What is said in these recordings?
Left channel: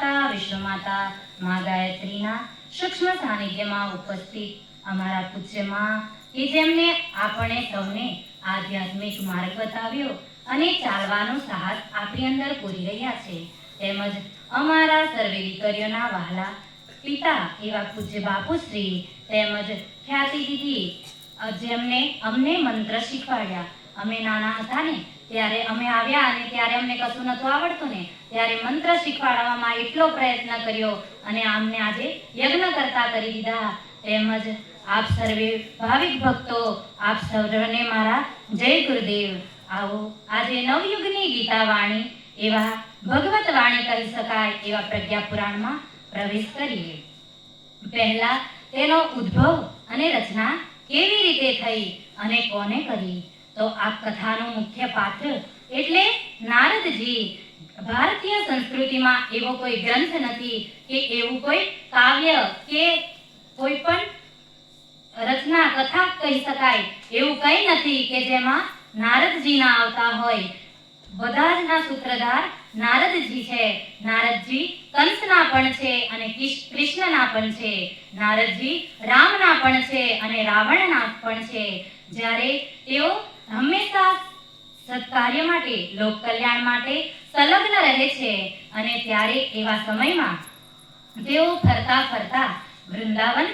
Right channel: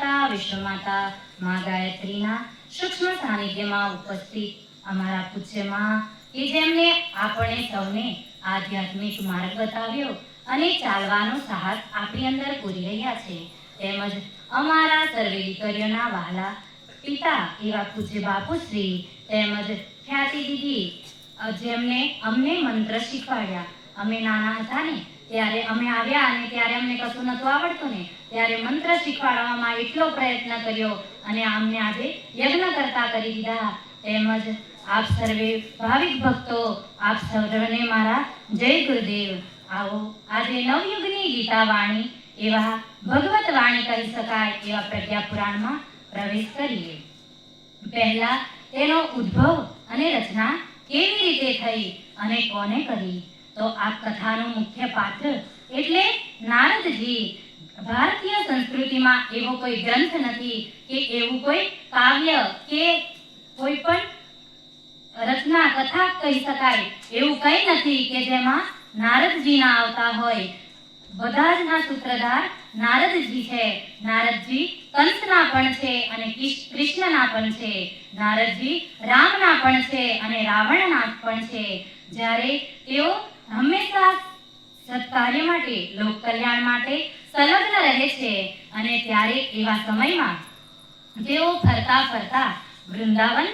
માતા વિશ્વમાતા મા ગાયત્રીના સૂક્ષ્મ સાનિધ્યમાં ઉપસ્થિત અમારા પૂજ્યમાં, કે જેમને આપણે સૌને આધ્યાત્મિક માર્ગ બતાવ્યો અને ચાલવાનો સાહસ આપણી અંદર પૂરી રહ્યા છે. તેમજ અમારા સર્વે દીકરીઓના વહાલા પિતા એવા પૂજ્ય બાપુશ્રી તેમજ ખ્યાતિ દીદી, જેમને અમને મંત્ર શીખવાડ્યા. અમે નાના હતા ને ત્યારે અમે આવ્યા અને ત્યારે અમને કશું નહોતું આવડતું ને, ત્યારે મંત્ર શીખવાડવામાં એટલો પ્રયત્ન કર્યો અને અમને આજે યજ્ઞ કરતા કરી દીધા. તેમજ આપ સર્વે ભાવિક ભક્તો, આપ સૌને મારા જય ગુરુદેવ. આવો આજે નવયુગની ગીતા વાણી એવા ભગવત વાણી કહી શકાય એવા પ્રજ્ઞા પુરાણમાં પ્રવેશ કરીએ. પહેલા તેનો ઉદ્ભવ અને રચના કેવી રીતે થઈ અને કોને કરી? તો આ કથાનો મુખ્ય પાત્ર એટલે નારદજી. ભારતીય સંસ્કૃતિમાં એવો કોઈ ગ્રંથ નથી કે એવું કોઈ કાવ્ય કે કોઈ પણ રચના, કથા કહી શકાય. એવું કંઈ નથી કે જેમાં નારદજીના આવતા હોય. બધા જ ના સૂત્રધાર નારદજી છે. નારદજી કંસના પણ છે અને કૃષ્ણના પણ છે. નારદજી રામના પણ છે અને રાવણના પણ છે. જ્યારે તેઓ હંમેશા સત્કાર્ય માટે લોક કલ્યાણ માટે સંલગ્ન રહે છે અને ત્યારે એવા સમયમાં તેઓ ફરતા ફરતા વૃંદાવન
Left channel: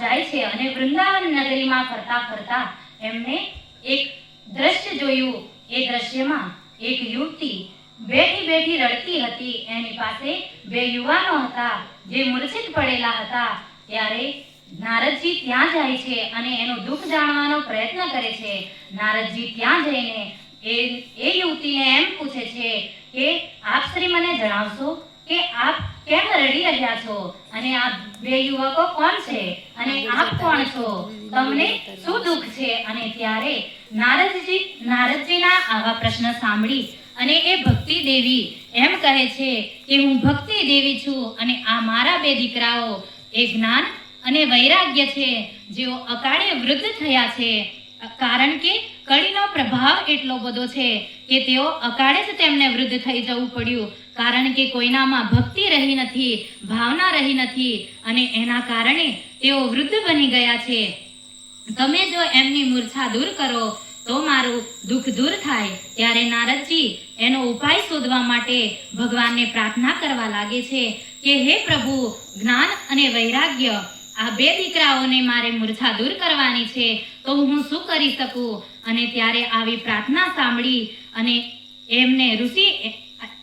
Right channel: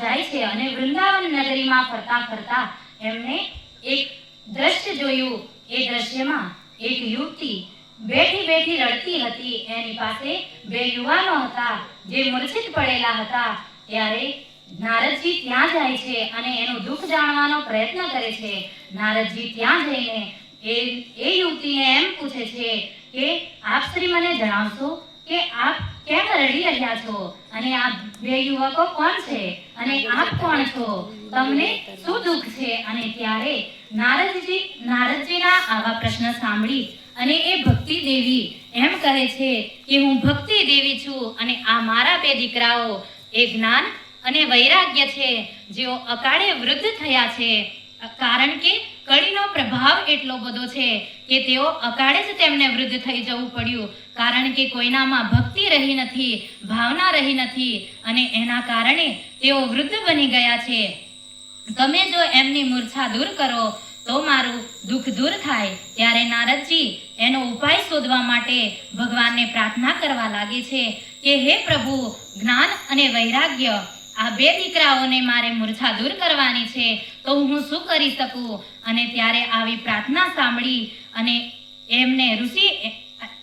જાય છે અને વૃંદાવન નગરીમાં ફરતા ફરતા એમને એક દ્રશ્ય જોયું. એ દ્રશ્યમાં એક યુવતી બેઠી બેઠી રડતી હતી. એની પાસે બે યુવાનો હતા જે મૂર્છિત પડેલા હતા. ત્યારે નારદજી ત્યાં જાય છે અને એનું દુઃખ જાણવાનો પ્રયત્ન કરે છે. નારદજી ત્યાં જઈને એ એ યુવતીને એમ પૂછે છે કે, આપ શ્રી મને જણાવશો કે આપ કેમ રડી રહ્યા છો? અને આ બે યુવકો કોણ છે? અને આપ કોણ છો? તમને શું દુઃખ છે? અને ત્યારે નારદજી, નારદજીના આવા પ્રશ્ન સાંભળી અને એ ભક્તિ દેવી એમ કહે છે કે, હું ભક્તિ દેવી છું અને આ મારા બે દીકરાઓ, એ જ્ઞાન અને વૈરાગ્ય છે, જેઓ અકાળે વૃદ્ધ થયા છે. કારણ કે કળીનો પ્રભાવ એટલો બધો છે કે તેઓ અકાળે જ તેમને વૃદ્ધ થઈ જવું પડ્યું. કારણ કે કોઈનામાં ભક્તિ રહી નથી, ભાવના રહી નથી, અને એના કારણે તેઓ વૃદ્ધ બની ગયા છે. તમે જો એમની મૂર્છા દૂર કરો, તો મારું દુઃખ દૂર થાય. ત્યારે નારદજી એનો ઉપાય શોધવા માટે ભગવાનને પ્રાર્થના કરવા લાગે છે કે, હે પ્રભુ, જ્ઞાન અને વૈરાગ્ય આ બે દીકરાઓને મારે મૂર્છા દૂર કરવાની છે, તો હું શું કરી શકું? અને ત્યારે આવી પ્રાર્થના સાંભળી અને એમને ઋષિ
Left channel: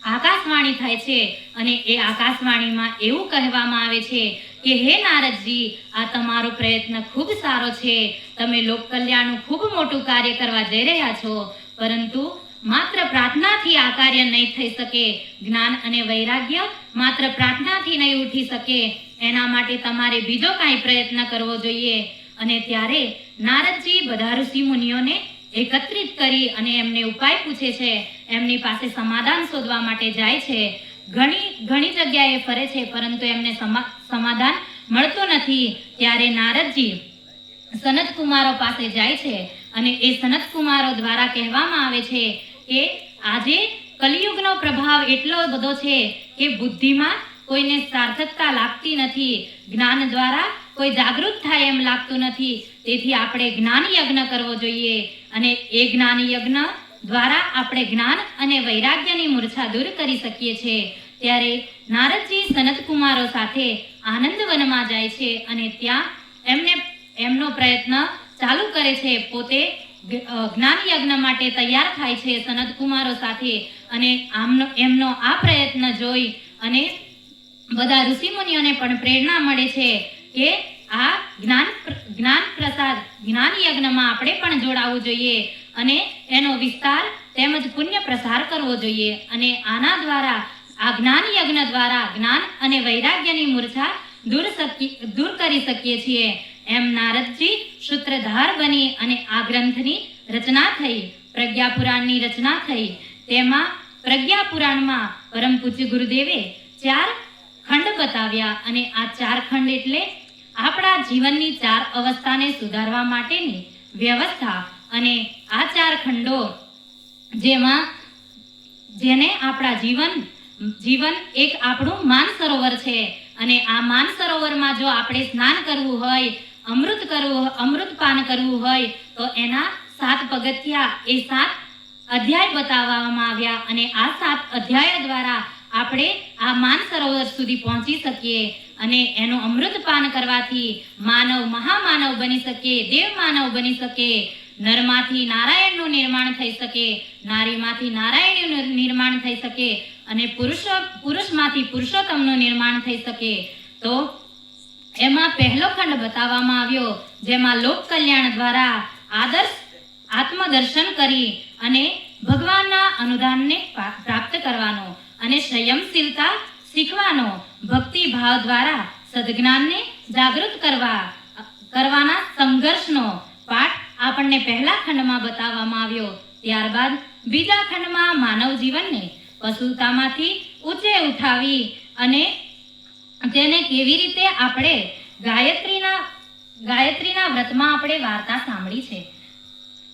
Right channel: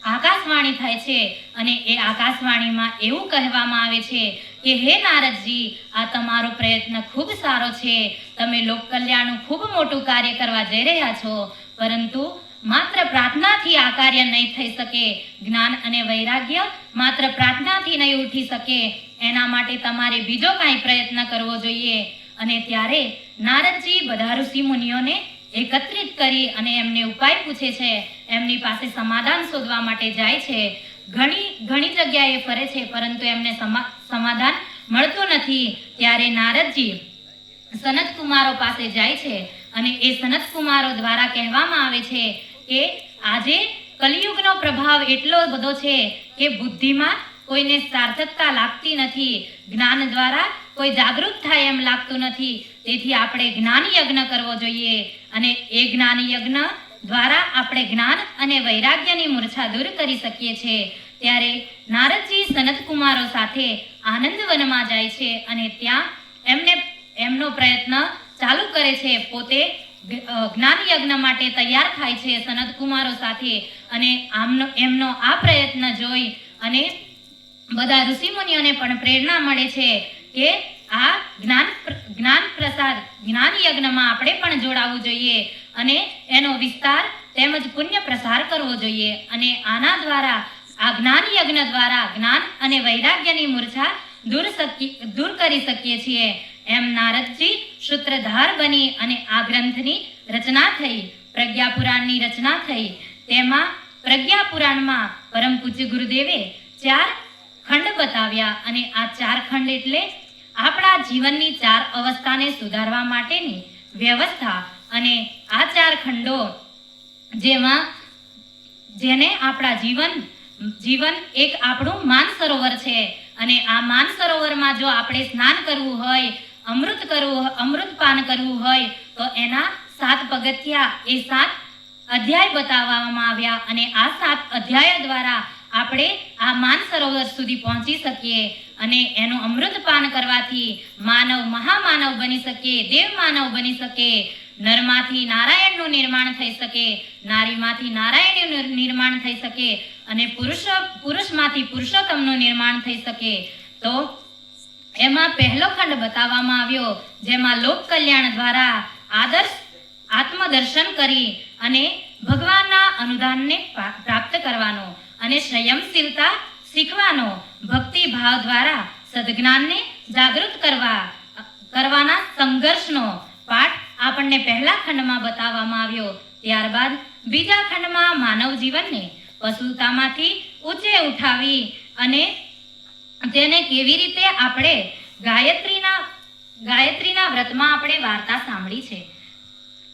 આકાશવાણી થાય છે અને એ આકાશવાણીમાં એવું કહેવામાં આવે છે કે, હે નારદજી, આ તમારો પ્રયત્ન ખૂબ સારો છે. તમે લોક કલ્યાણનું ખૂબ મોટું કાર્ય કરવા જઈ રહ્યા છો. પરંતુ માત્ર પ્રાર્થનાથી આ કાર્ય નહીં થઈ શકે. જ્ઞાન અને વૈરાગ્ય માત્ર પ્રાર્થનાથી નહીં ઉઠી શકે. એના માટે તમારે બીજો કાંઈ પ્રયત્ન કરવો જોઈએ. અને ત્યારે નારદજી બધા ઋષિ મુનિઓને એકત્રિત કરી અને એમને ઉપાય પૂછે છે. એમની પાસે સમાધાન શોધવા માટે જાય છે. ઘણી ઘણી જગ્યાએ ફરે છે, પરંતુ એમને સમા- સમાધાન મળતું નથી. ત્યારે નારદજી સનત કુમારો પાસે જાય છે અને એ સનત કુમારો દ્વારા કહેવામાં આવે છે કે આજે કલિયુગનો પ્રભાવ એટલો બધો છે કે બુદ્ધિમાં કોઈને સાર્થકતા લાગતી નથી. જ્ઞાન દ્વારા કોઈ જાગૃત થાય એમ લાગતું નથી. તેથી આપણે જ્ઞાન યજ્ઞ કરવો જોઈએ અને એ જ્ઞાન યજ્ઞ દ્વારા આપણે જ્ઞાન અને વૈરાગ્યની મૂર્છા દૂર કરી શકીએ છીએ. ત્યારે નારદજી સનત કુમારો સાથે આનંદવનમાં જાય છે અને ત્યાં એમને એમનો પ્રયત્ન ચાલુ કરે છે. પોતે જ્ઞાન યજ્ઞ માટે તૈયાર થાય છે સનત કુમારો સાથે અને આમનો, એમનો આ પ્રયત્ન જોઈ અને બધા ઋષિમુનિઓને પણ પ્રેરણા મળે છે કે આ જ્ઞાન જ્ઞાન પ્રસાર જ્ઞાન યજ્ઞમાં આપણે પણ જોડાવવું જોઈએ અને એનો વિસ્તાર તેમજ પુણ્ય પ્રસાર કરવો જોઈએ અને આના દ્વારા, આ જ્ઞાન યજ્ઞ દ્વારા જ્ઞાન અને વૈરાગ્યની મૂર્છા દૂર દૂર કરી શકીએ છીએ. એમ નારદજી સૂત્રધાર બની અને આ ગ્રંથની રચના થઈ પ્રજ્ઞા પુરાણની રચના થઈ. તેમાં પ્રજ્ઞા પુરાણમાં પરમ પૂજ્ય ગુરુદેવે ચાર ખંડ બતાવ્યા અને આ ચાર ખંડ એટલે આપણા જીવનની ચાર અવસ્થાને સુધારવા માટેની વ્યવસ્થા અને આ ચાર ખંડો જેમાં જેને આપણા જીવન જીવન એક આપણું માન સરોવર છે અને આ માન સરોવરમાં જો આપણે સ્નાન કરવું હોય, અમૃત કરવું અમૃત પાન કરવું હોય, તો એના સાત પગથિયા એ સાત અધ્યાય બતાવવામાં આવ્યા અને આ સાત અધ્યાય દ્વારા આપણે આ માન સરોવર સુધી પહોંચી શકીએ અને એનું અમૃત પાન કરવાથી માનવ મહામાનવ બની શકે, દેવ માનવ બની શકે. નરમાંથી નારાયણનું નિર્માણ થઈ શકે, નારીમાંથી નારાયણનું નિર્માણ થઈ શકે અને પુરુષ, પુરુષમાંથી પુરુષોત્તમનું નિર્માણ થઈ શકે. તો એમાં પહેલો ખંડ બતાવવામાં આવ્યો, જેમાં લોક કલ્યાણ દ્વારા આદર્શ આત્મદર્શન કરી અને ભગવાનના અનુદાનને પ્રાપ્ત કરવાનો. અને સંયમશીલતા શીખવાનો ભક્તિ ભાવ દ્વારા સદજ્ઞાનને જાગૃત કરવા, કરવાના સંઘર્ષનો પાઠ આપણને પહેલા ખંડમાં બતાવવામાં આવ્યો. ત્યારબાદ બીજા ખંડમાં માનવ જીવનને પશુતામાંથી ઊંચે ઉઠાવી અને તેને કેવી રીતે આપણે ગાયત્રીના ગાયત્રીના વ્રતમાં આપણે વાર્તા સાંભળી છે.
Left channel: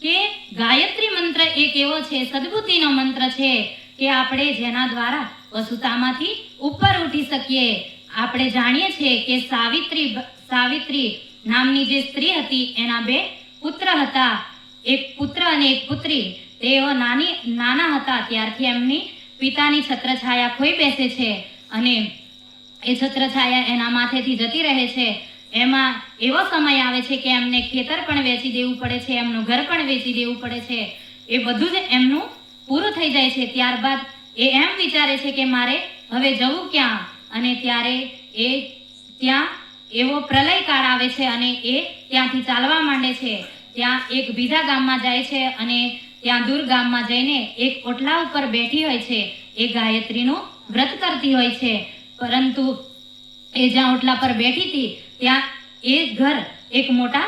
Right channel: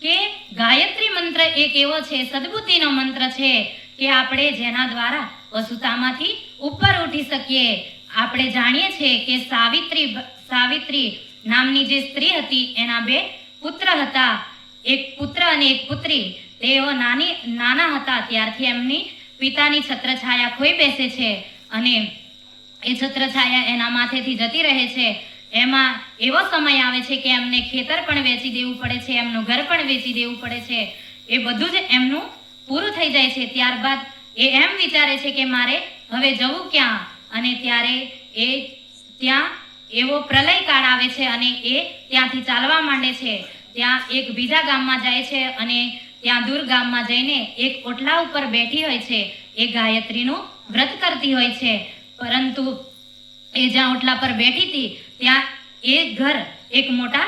કે ગાયત્રી મંત્ર એક એવો છે, સદબુદ્ધિનો મંત્ર છે કે આપણે જેના દ્વારા વસુતામાંથી ઉપર ઉઠી શકીએ. આપણે જાણીએ છીએ કે સાવિત્રી સાવિત્રી નામની જે સ્ત્રી હતી, એના બે પુત્ર હતા. એક પુત્ર અને એક પુત્રી. તેઓ નાની, નાના હતા. ત્યારથી એમની પિતાની છત્રછાયા ખોઈ બેસે છે અને એ છત્રછાયા એના માથેથી જતી રહે છે. એમાં એવો સમય આવે છે કે એમને ખેતર પણ વેચી દેવું પડે છે, એમનું ઘર પણ વેચી દેવું પડે છે. એ બધું જ એમનું પૂરું થઈ જાય છે, ત્યારબાદ એ એમ વિચારે છે કે મારે હવે જવું ક્યાં? અને ત્યારે એ ત્યાં એવો પ્રલય કાળ આવે છે અને એ ત્યાંથી ચાલવા માંડે છે. ત્યાં એક બીજા ગામમાં જાય છે અને ત્યાં દૂર ગામમાં જઈને એક ઓટલા ઉપર બેઠી હોય છે. એ ગાયત્રીનું વ્રત કરતી હોય છે. પરંતુ એ જ્યાં ઓટલા પર બેઠી હતી, ત્યાં એ ઘર એક મોટા